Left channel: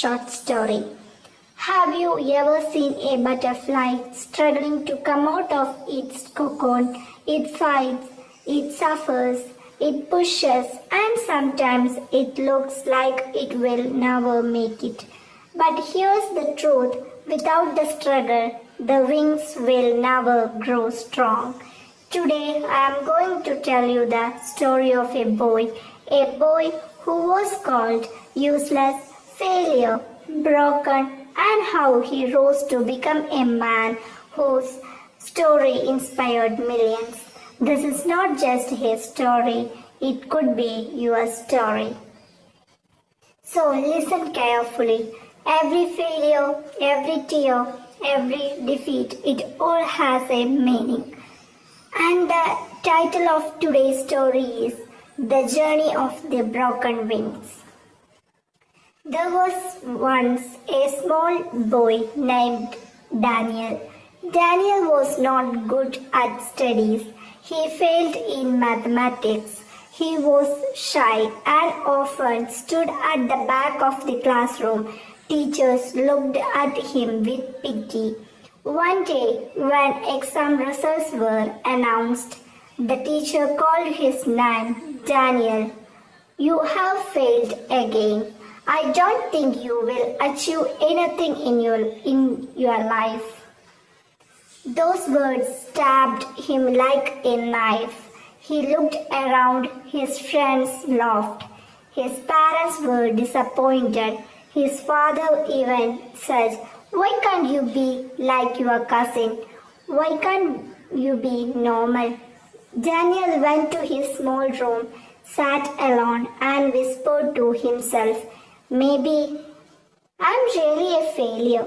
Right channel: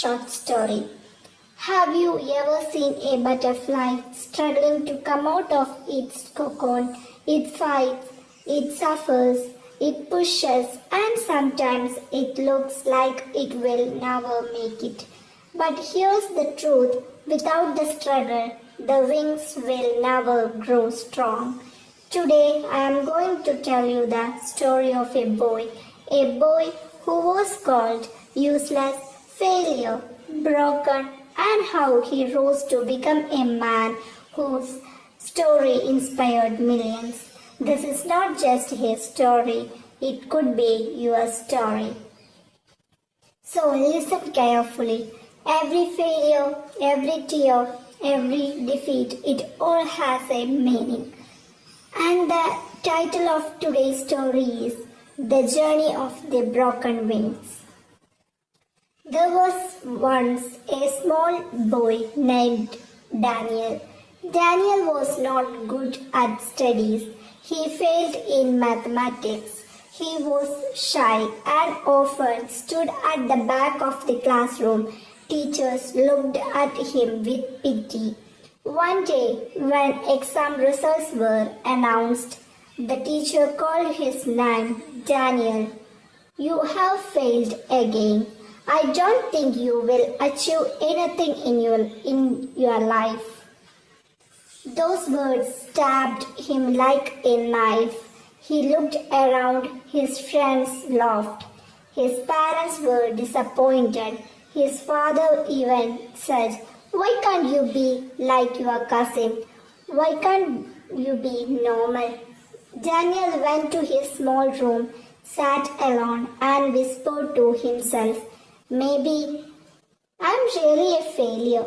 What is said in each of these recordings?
short story. Have you ever seen a butterfly struggling to come out of its cocoon? It fights, it suffers, it pushes, and sometimes it looks like it will never make it. But here's the truth, without the struggle, the wings will never grow strong. Today I am going to tell you the story of a boy who was called useless, failure, broken, and how he rose to become a man whose story inspired millions. This is not just his story, it could be your story. So listen carefully. Every failure, every tear, every defeat, it all has a meaning. And the title of today's story is The Journey of the Broken Wings. There was once a small boy named Daniel. Daniel was not good at studies. He failed in mathematics. He was shy and often stood at the back of the classroom. Teachers looked at him with pity. One day, when exam results were announced, the teacher called his name, Daniel. You have failed again. I don't think you will achieve anything in your life. Those words stabbed him like a knife. He looked around, his friends laughed. His parents were disappointed. His father even said, "Why can't you be like your cousin? Why can't you be normal?" Daniel went to his small room, sat alone and whispered to himself, "Maybe I'm really a failure.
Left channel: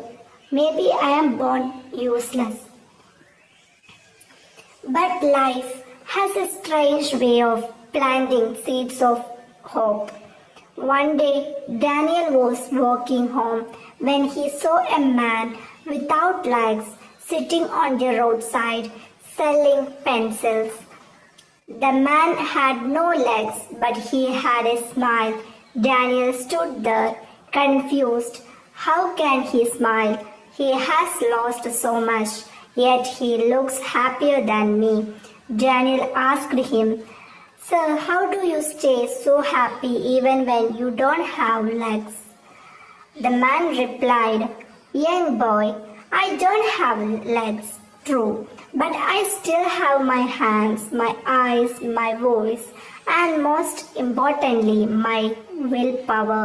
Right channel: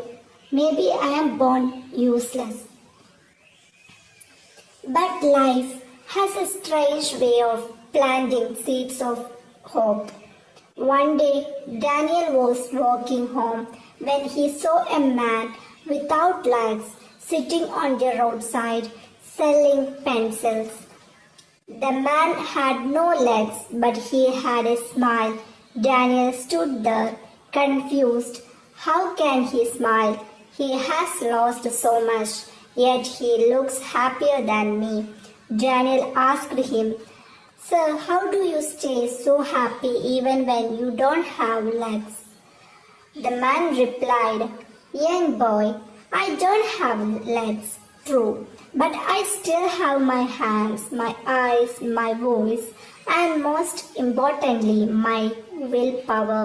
Maybe I am born useless." But life has a strange way of planting seeds of hope. One day, Daniel was walking home when he saw a man without legs sitting on the roadside selling pencils. The man had no legs, but he had a smile. Daniel stood there, confused. How can he smile? He has lost so much, yet he looks happier than me. Daniel asked him, "Sir, how do you stay so happy even when you don't have legs?" The man replied, "Young boy, I don't have legs, true, but I still have my hands, my eyes, my voice, and most importantly, my willpower.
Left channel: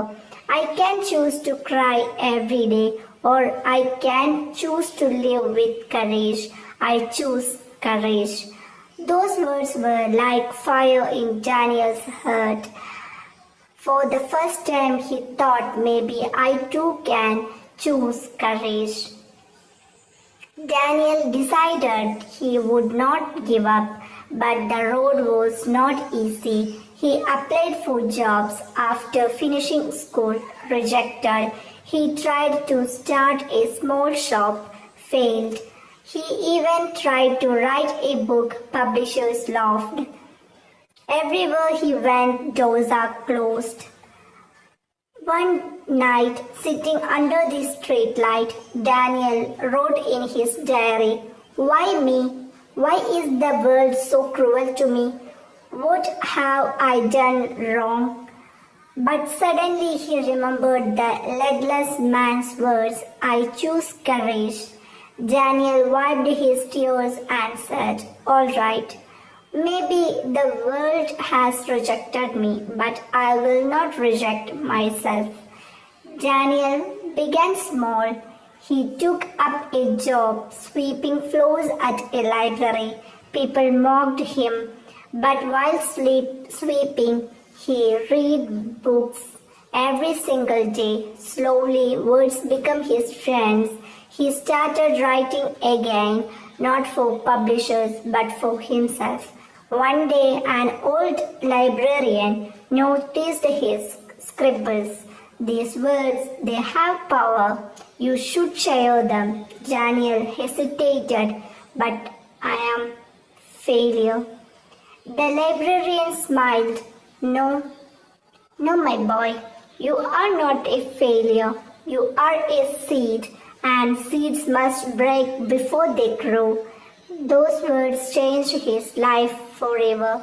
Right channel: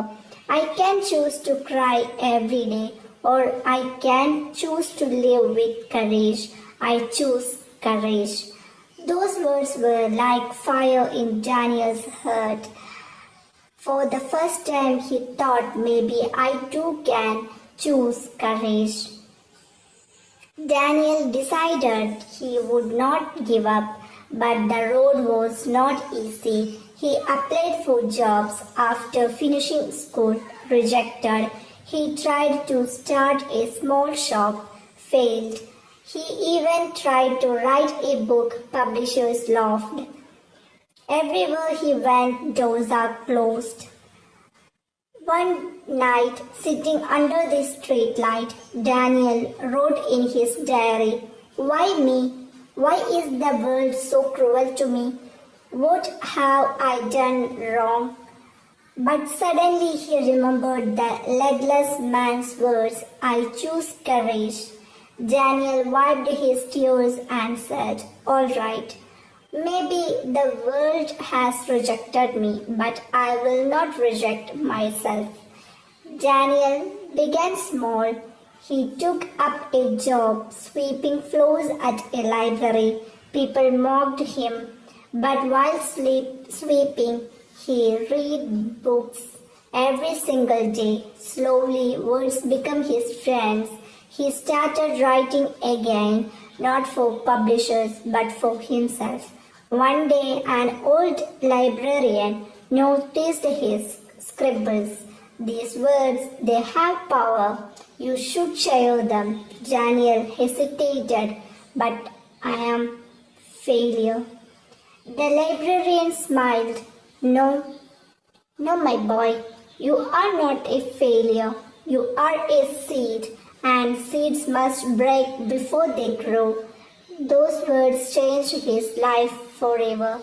I can choose to cry every day, or I can choose to live with courage. I choose courage." Those words were like fire in Daniel's heart. For the first time, he thought, maybe I too can choose courage. Daniel decided he would not give up, but the road was not easy. He applied for jobs after finishing school, rejected. He tried to start a small shop, failed. He even tried to write a book, publishers laughed. Everywhere he went, doors are closed. One night, sitting under the street light, Daniel wrote in his diary, "Why me? Why is the world so cruel to me? What have I done wrong?" But suddenly he remembered the legless man's words, "I choose courage." Daniel wiped his tears and said, "All right, maybe the world has rejected me, but I will not reject myself." Daniel began small. He took up a job sweeping floors at a library. People mocked him, but while sweeping, he read books every single day. Slowly, words became his friends. He started writing again, not for publishers, but for himself. One day, an old librarian noticed his scribbles. "These words, they have power. You should share them." Daniel hesitated, "But I am failure." The librarian smiled. No, my boy, you are not a failure. You are a seed, and seeds must break before they grow. Those words changed his life forever.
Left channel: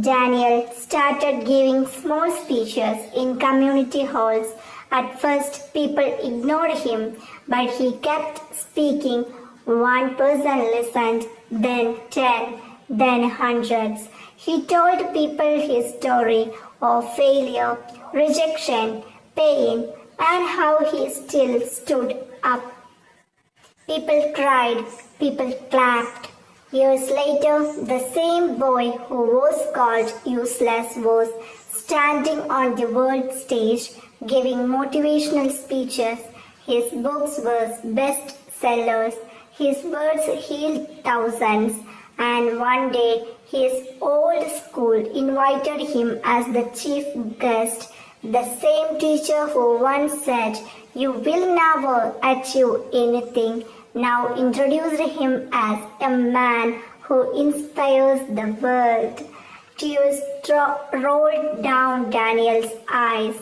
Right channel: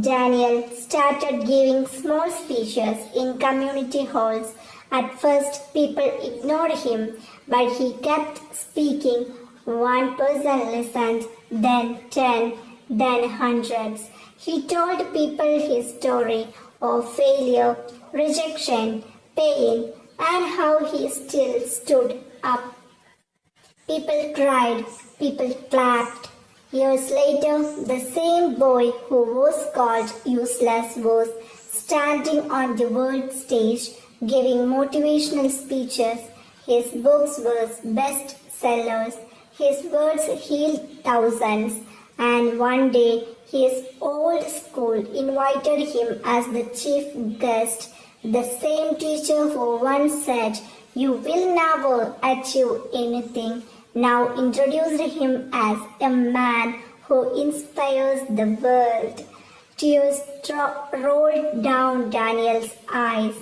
Daniel started giving small speeches in community halls. At first, people ignored him, but he kept speaking. One person listened, then 10, then hundreds. He told people his story of failure, rejection, pain, and how he still stood up. People cried, people clapped. Years later, the same boy who was called useless was standing on the world stage giving motivational speeches. His books were bestsellers. His words healed thousands. And one day, his old school invited him as the chief guest. The same teacher who once said, "You will never achieve anything," now introduced him as a man who inspires the world. Tears rolled down Daniel's eyes.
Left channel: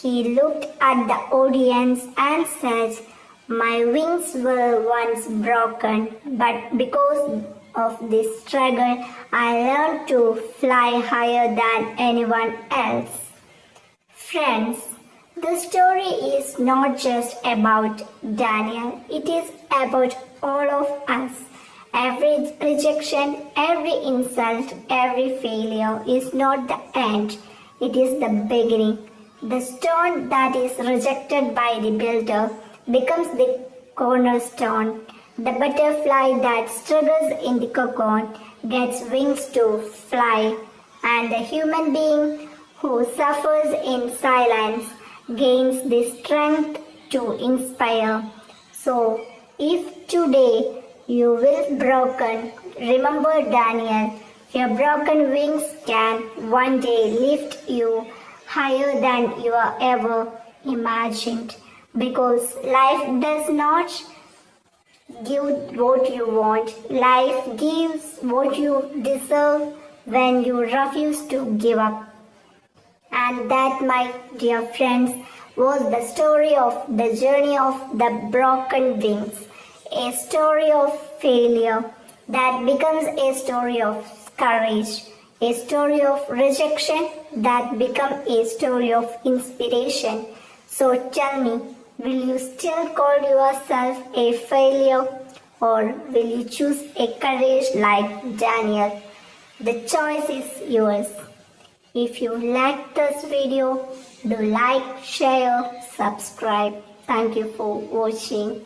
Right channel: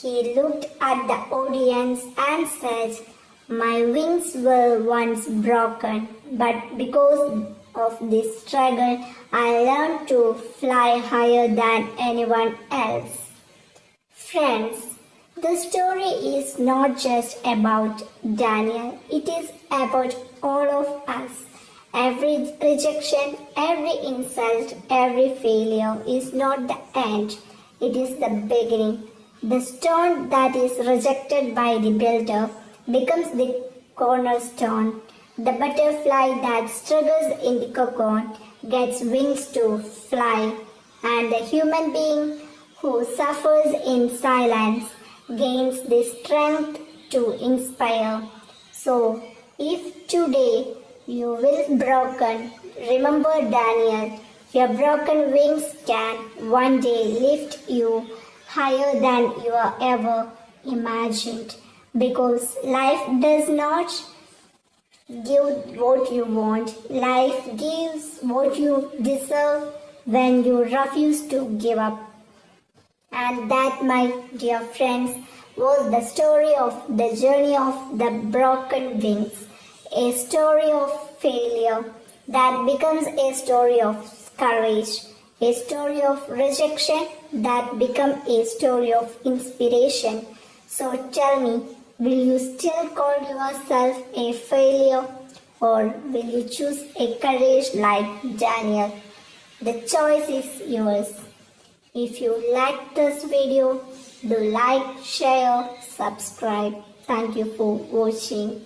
He looked at the audience and said, "My wings were once broken, but because of this struggle, I learned to fly higher than anyone else." Friends, the story is not just about Daniel, it is about all of us. Every rejection, every insult, every failure is not the end, it is the beginning. The stone that is rejected by the builder becomes the cornerstone. The butterfly that struggles in the cocoon gets wings to fly, and the human being who suffers in silence gains the strength to inspire. So, if today you will broken, remember Daniel, your broken wings can one day lift you higher than you ever imagined. Because life does not give what you want, life gives what you deserve when you refuse to give up. And that, my dear friends, was the story of the journey of the broken wings. A story of failure that becomes a story of courage. A story of rejection that becomes a story of inspiration. So tell me, will you still call yourself a failure, or will you choose a courage like Daniel? The choice is yours. If you like this video, do like, share, subscribe. Thank you for watching.